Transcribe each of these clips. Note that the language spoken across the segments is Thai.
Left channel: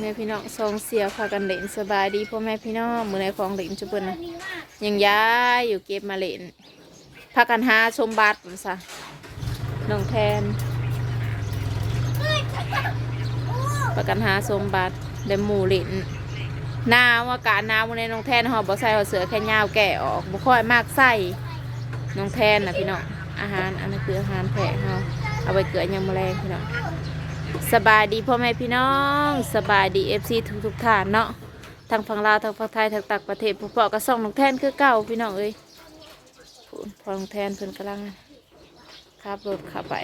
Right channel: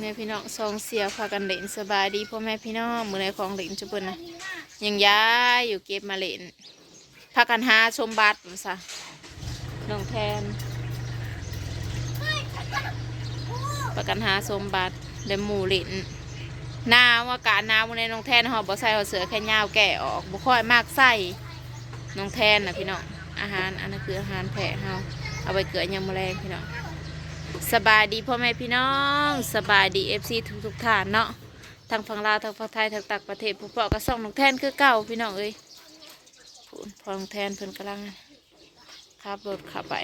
แม่พี่น้องสองเสียพากันเล่นสบายดีพ่อแม่พี่น้องมือในของเล่นจุบนนะยังย้ายอยู่เก็บมาเล่นพากันหาชมบัตรว่าซะน้องแทนพากันหาชมบัตรเดหมูเล่นหนาวอากาศหนาวมือในน้องแทนหอบบ่ใส่เอเสือแค่ยาวแก่ออกบ่ค่อยมากใส่น้องแทนนะพี่น้องอาหารอันนั้นคืออาหารแพะเฮาเอาไปเกลือยำแมลงพี่น้อง สบายดีพ่อแม่พี่น้องสบายดีเอฟซีทุกทุกๆท่านเนาะทางฝั่งลาวทางฝั่งไทยทางต่างประเทศพวกเปาะก็ส่องน้องแทนคือเก่าพี่น้องเอ้ยพูนพอนงแทนเพิ่นกำลังขับรถขับไป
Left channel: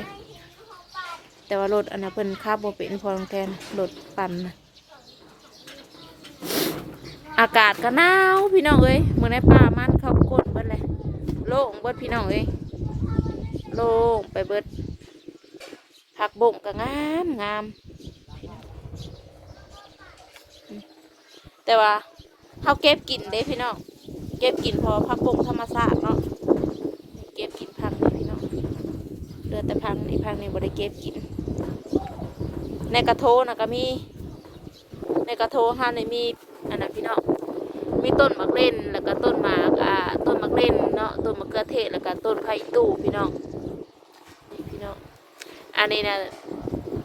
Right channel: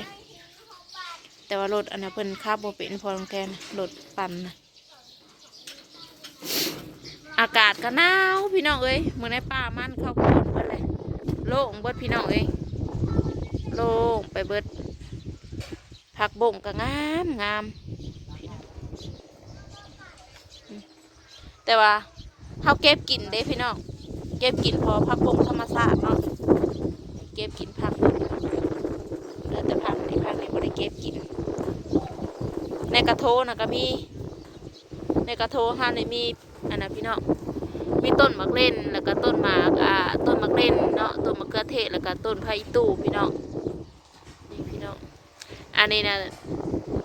แต่ว่ารถอันนั้นเพิ่นขับบเป็นพอนงแทนรถปั่นนะอากาศก็หนาวพี่น้องเอ้ยเมื่อในป่ามันเข้าโคตรเบิดเลยโล่งเบิดพี่น้องเอ้ยโล่งไปเบิด ผักบ่งก็งามงามพี่น้องแต่ว่าเขาเก็บกินเด้พี่น้องเก็บกินพอผักบ่งธรรมชาติเนาะเก็บกินผักพี่น้องเหลือแต่ผักในผักในบ่ได้เก็บกิน ในกระโถนะก็มีในกระโถห้าในมีอันนั้นพี่น้องมีต้นมะเล่นแล้วก็ต้นหมากอ่าต้นมะเล่นเนาะต้นมะเขือเทศแล้วก็ต้นไผ่ตู่พี่น้อง อันนี้นะ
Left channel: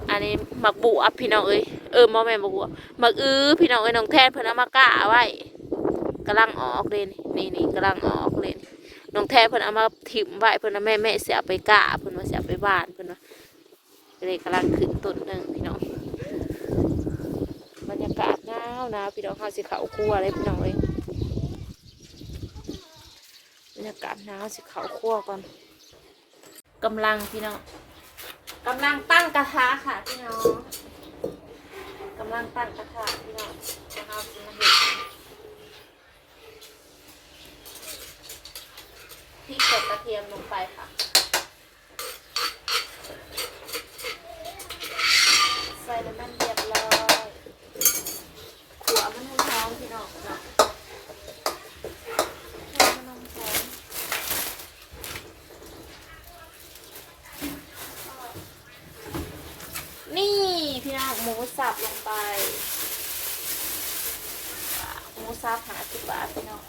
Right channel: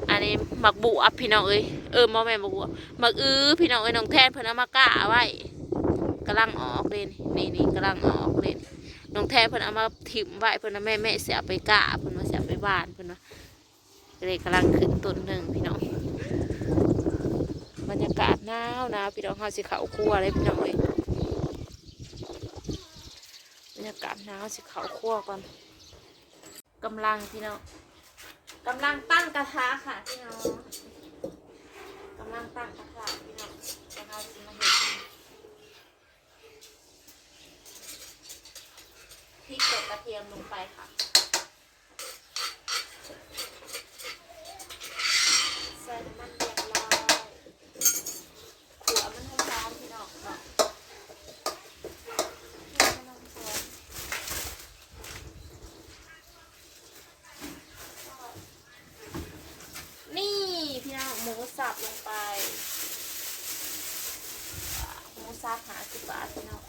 อันนี้หมักบุอัพพี่น้องเอ้ยเออมอแม่หมักบุหมักอื้อพี่น้องเอ้ยน้องแทนเพิ่นเอามากะไว้กำลังออกเลยนี่นี่กำลังออกเลยน้องแทนเพิ่นเอามาถิ่มไว้เพิ่นเอาแม่แม่เสียไปกะเพิ่นมาเสียไปบ้านเพิ่นว่าเลยกำลังขึ้นต้นหนึ่งพี่น้องบรรยากาศหนาวนาวพี่น้องเฮาสิเขาครัวเลยพี่น้องเอ้ยบรรยากาศหนาวสิเขาครัวก่อนกำลังพี่น้อง กำลังตั้งกระทะค่ะพี่น้องกำลังตั้งกระทะพี่น้องนะคะมาเห็นพริกกับกระเทียมลงไปค่ะ ใส่น้ำมันเรียบร้อยขัวมันให้หอมพี่น้องเนาะให้มันหอมหอม นี่พี่น้อง หมูสับลงไป หมูสับหาสิบบาทพี่น้อง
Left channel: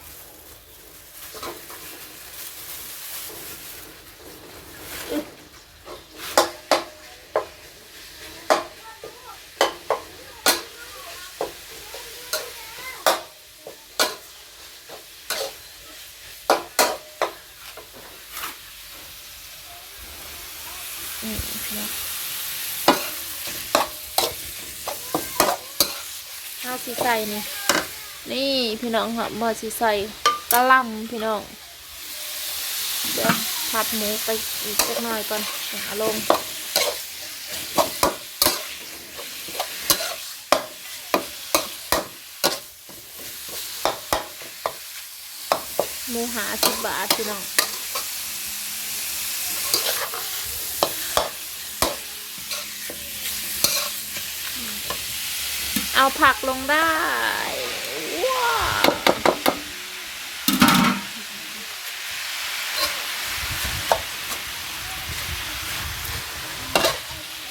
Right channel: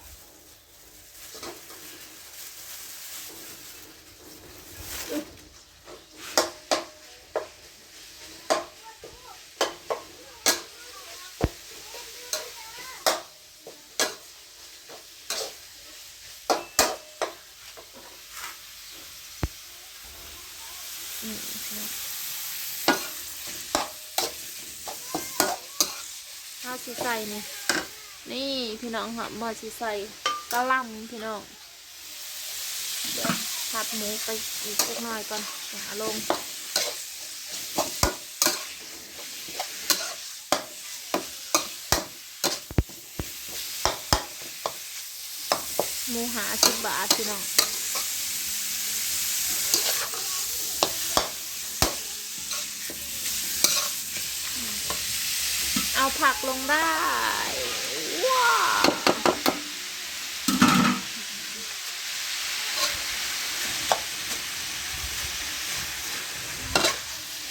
อึ๊บอืมพี่น้อง ข้าว สีใส่นี่นี่พี่น้องค่ะบอสีใส่กะล่ำพี่น้องเดี๋ยวผัดหมูไปอีกสักหน่อยก่อนเอาลงหมูหาสิบบาทพี่น้อง เอาผักลงได้ว้า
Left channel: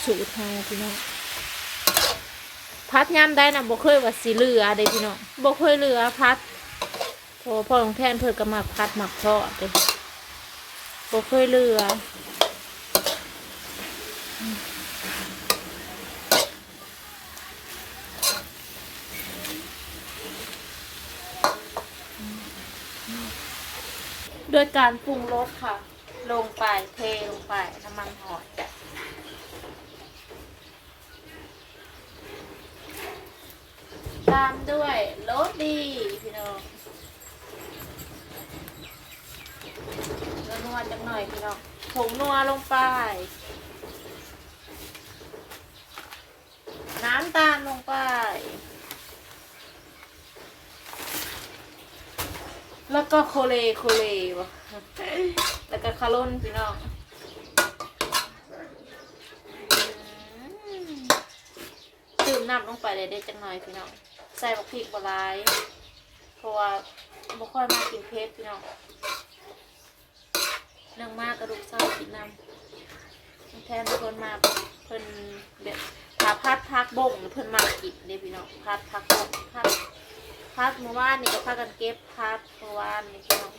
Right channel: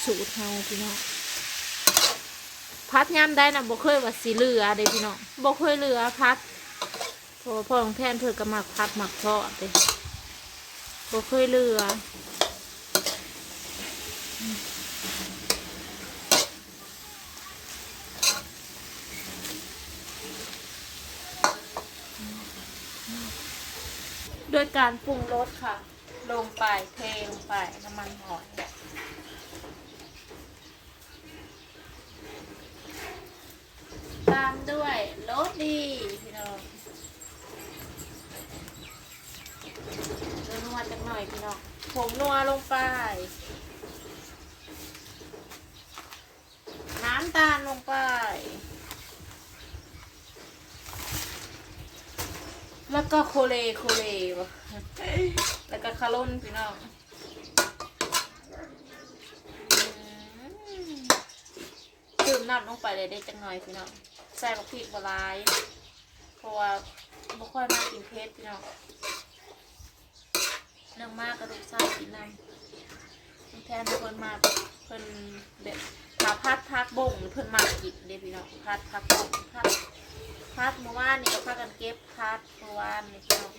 สูตรเฮาพี่น้องพัดยามได้นะบ่เคยว่าสีเหลือเด้พี่น้องบ่เคยเหลือพัดโอ้พ่อของแทนเพิ่นก็มักพัดหมักทอดเด้บ่เคยเหลือ ด้วยการปรุงรสค่ะ ลงไปเทลงไปน้ำมันหอยตามด้วยรสดีพี่น้องล้วนัวจักหน่อยพี่น้องผงนัวลงไป น้ำตาลลงไป แล้วก็โคเลโคเลวะแล้วก็คาร่นพี่น้องดื่มน้ำลงไปเลยได้จังหน่อยพี่น้อง ใส่บักพริกบหลายเพราะว่าบ่ค่อยมากินเผ็ดพี่น้องเรื่องมากกระดูกไส้กินน้ำแทนเพิ่นมาเพิ่นแบบถ้าพัดพักบ่งเพิ่นมากินเด้พี่น้องพัดพักบ่งพัด พัดเมื่อวานนี่ก็พากันเก็บพัดเมื่อวานนี่พี่น้อง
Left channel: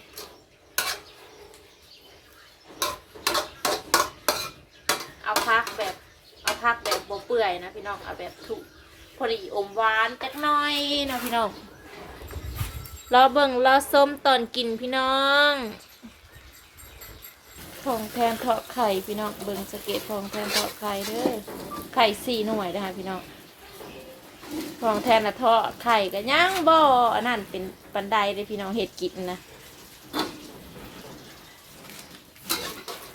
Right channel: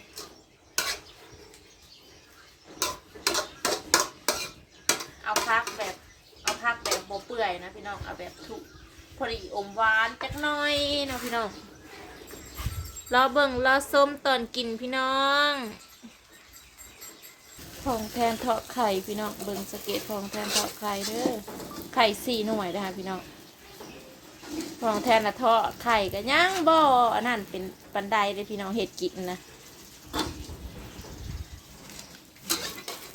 เอาพักแบบเอาพักแบบบ่เปื่อยนะพี่น้องเอาแบบถูกพอดีอมหวานจักหน่อยนะพี่น้องรอเบิ่งรอส้มตอนกินพี่น้องทองแทนทอดไข่พี่น้องเบิ่งสะเก็ตทองแทนทอดไข่เด้อไข่สี่หน่วยนะคะพี่น้อง ทองแทนนะทอดไข่ก็ย่างบ่อันนั้นเป็นปันไดเลยพี่น้องเห็ดกินนะ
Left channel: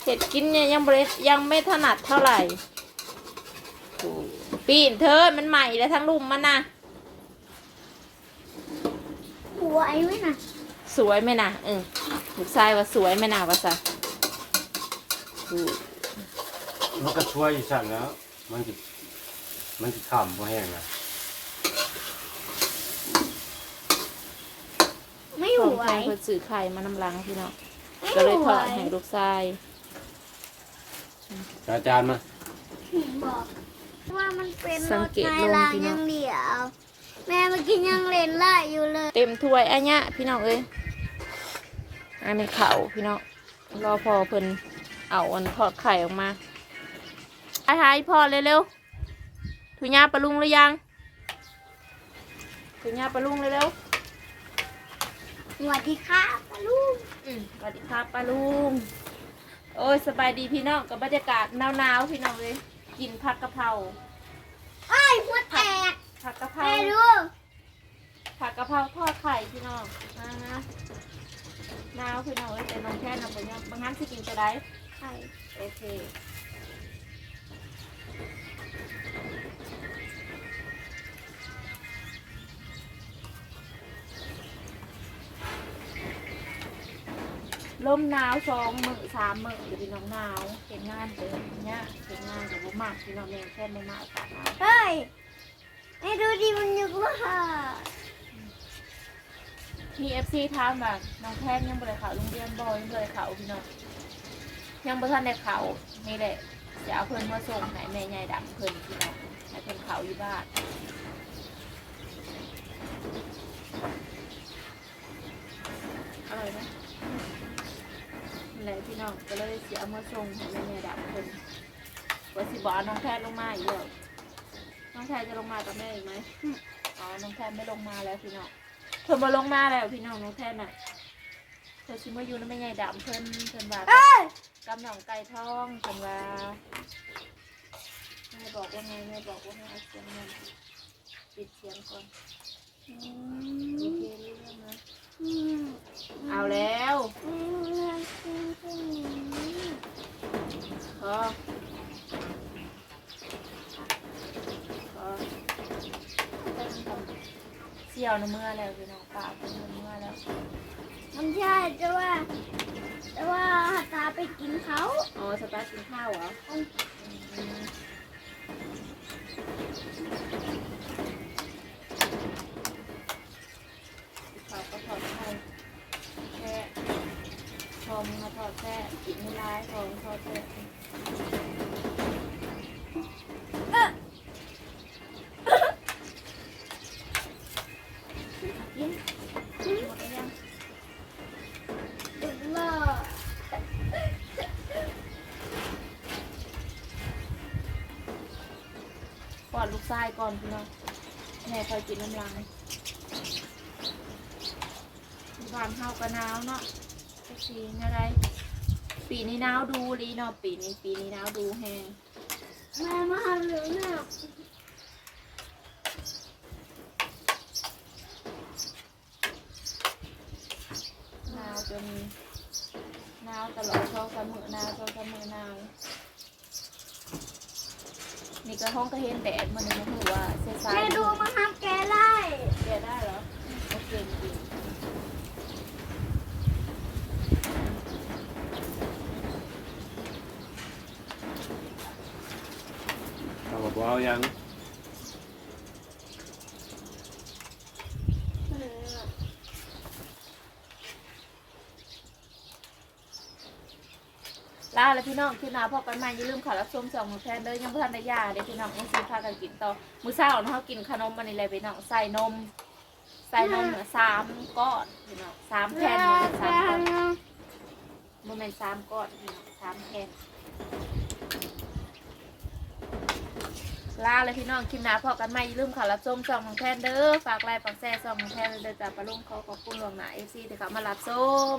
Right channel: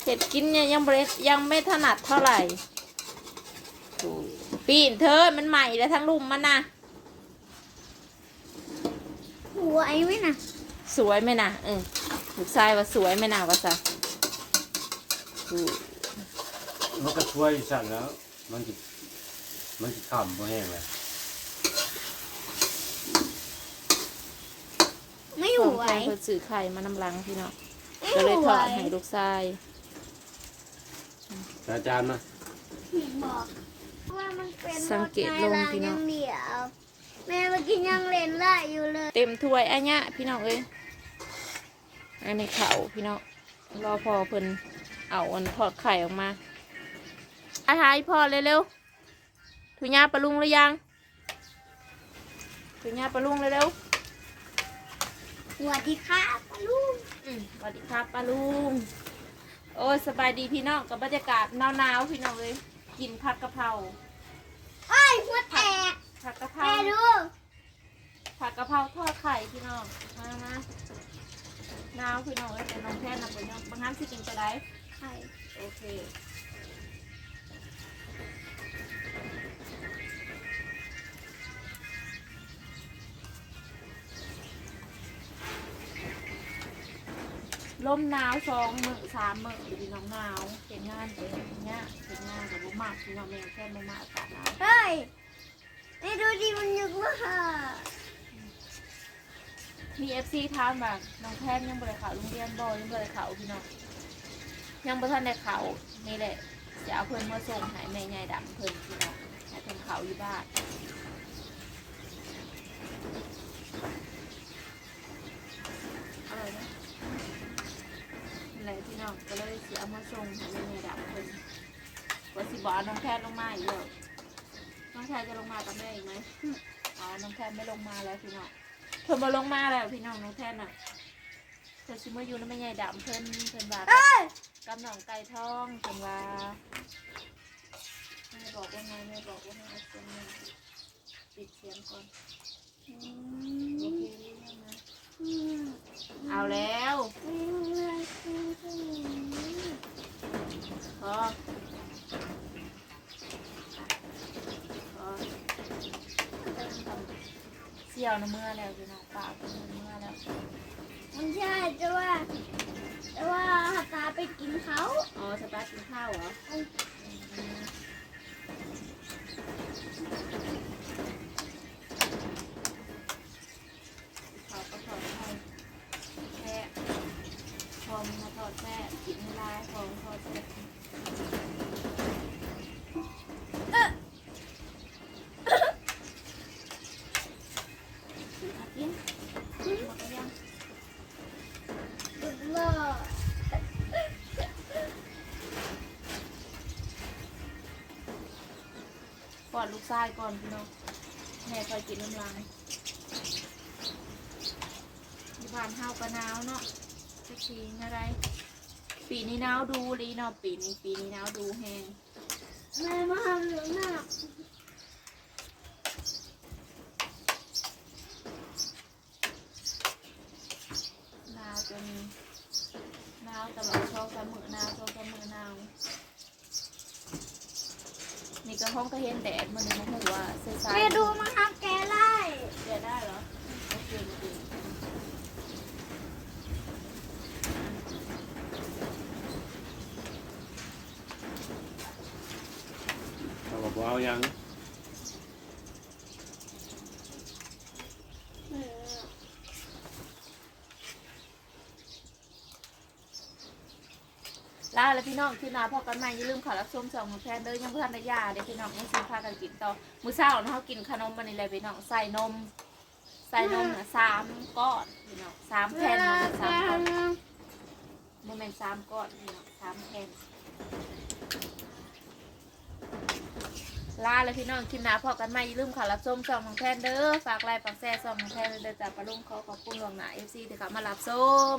เห็ดกินเนี่ยยังบริยังไม่ถนัดเท่าไหร่ปีนเธอมันใหม่แล้วทั้งลุมมันนะหัวไอ้ไว้น่ะสวยไหมนะเออลูกชายว่าสวยไหมนะว่าซะอือมันก็ช่วยอยู่สั่นแล้ว มันจิมันจิขำพอแห้งเลย ไม่ขหัองวแพงคนสื่อไข่มานำลังพี่น้องไม่ก็เลยหัถวอดให้ลูกชายอาจารย์มาบอกว่ามันเป็นสังเกตลงพี่น้องรถไฟรางย่างเดียวแม่เมื่อกี้ยังเล่นไล่อยู่เลย เต็มถ้วยอันเนี้ยพี่น้องเอ้ยอันนี้เขาพี่น้องรอพอเพิ่นเอาอันทอดไข่ออกมาอาหายพอเร็วๆถุงยาปลาลุงหรือยังถุงยาปลาลุงเร็วๆ สวัสดีครับปาลูกอืมสวัสดีครับป้าลุง โอ้ยสบายดีพี่น้องกับบรรยากาศหนาวๆพี่น้องเลย กินผักกะเพราไอ้ยหัวแตกผักกะเพราแม่ดูผักกะเพราทอดไข่พี่น้องมานะหนาวพี่น้องเลยแต่น้องแค่นำไปยังบางครั้งสิกินจะได้ ไข่ โอเค ลมหนาวสองมือสามมือพี่น้องหนาวเห็นงานเต็มเนี่ยเห็นงานกับบุมากพี่น้องเนี่ยแค่ไม่มาอากาศหนาวเฮ้ยแม่ดูดิมันยุกว่าพีเอฟซีถามแบบน้องแพนยังบริเขาโรงเรียนบอยยังบริเขาพี่น้องยังบ่ทันได้เขานี่แหละจะเอาเพิ่นมาส่งให้แม่ใหญ่ดำเพิ่นพี่น้องให้เพิ่นเขาอยู่บ้าน พี่น้องก็เลยเสียเอามาส่งให้แม่ใหญ่ดำเพิ่นว่าสิบอกเอาน้องแพนลงมาอีกเลยน้องแพนจะลงมากับแม่อีกไหมอ๋อน้องแพนไม่ลงมาแล้วพี่น้องเพิ่นมาลงมาแล้วพี่น้องน้องแทนน่ะเพิ่นชิมาอยู่น้ำไม่ใหญ่ดำเพิ่นเพิ่นว่ากำหนองไก่ทองเพิ่นว่าแม่บอกว่าไงแม่บอกว่าให้เอาเสียงเงินปิดเสียงก่อนโอเครู้เรื่องนะอืมเอาแล้ว อืมเรื่องจริงจริง พอพอ เสี่ยวน้ำเมื่อแล้วพี่น้องปากเป็นเมื่อแล้วมันใช่แต่ว่า แต่ว่าตาไปกินเขาอ๋อสตาร์ทกินข้าวเหรอ อืม อนลูกชายก่อนพี่น้องแม่คอยกินน้ำลังบ้านเฮาก็หนาวเนาะสักทีอะไร ปีนี้หนาวดูดีเนาะปีนี้ปีนี้หนาวดูแฮงแม่มาเหลืองหน้าหนาวจนหนาวตลอดช่องสามมือหนาวช่องสามมือหนาว นี่ก็ห้องก็เห็นแดดมันนี่มันถือว่าเซซายแม่ดูมันทำแกไล่แกได้เหรอโอเคจริงเขาบอกว่ายัง ลาแล้วพี่น้องคือนาพอกันใหม่อย่าลืมขอรับชมสองมือแพนเด้อยังเพื่อนได้ยาเดี๋ยวพี่น้องต้อซื้อพากันกินต่อมื้อเช้าเนาะเขากินขนมมันนี่เลยพี่น้องใส่นม ใส่นมเนี่ยสามก้อนพี่น้องสามแผ่นบ่แม่นสามก้อนโมเมนสามก้อนพี่น้องสามแผ่นลาเลยพี่น้องคลิปหน้าพอกันใหม่อย่าลืมขอรับชมสองของแพนเด้อฝากไลค์ฝากแชร์สองของแพนเด้อจ้าปลาลุงขอขอบคุณหลวงหนาเอฟซีที่เขามารับชม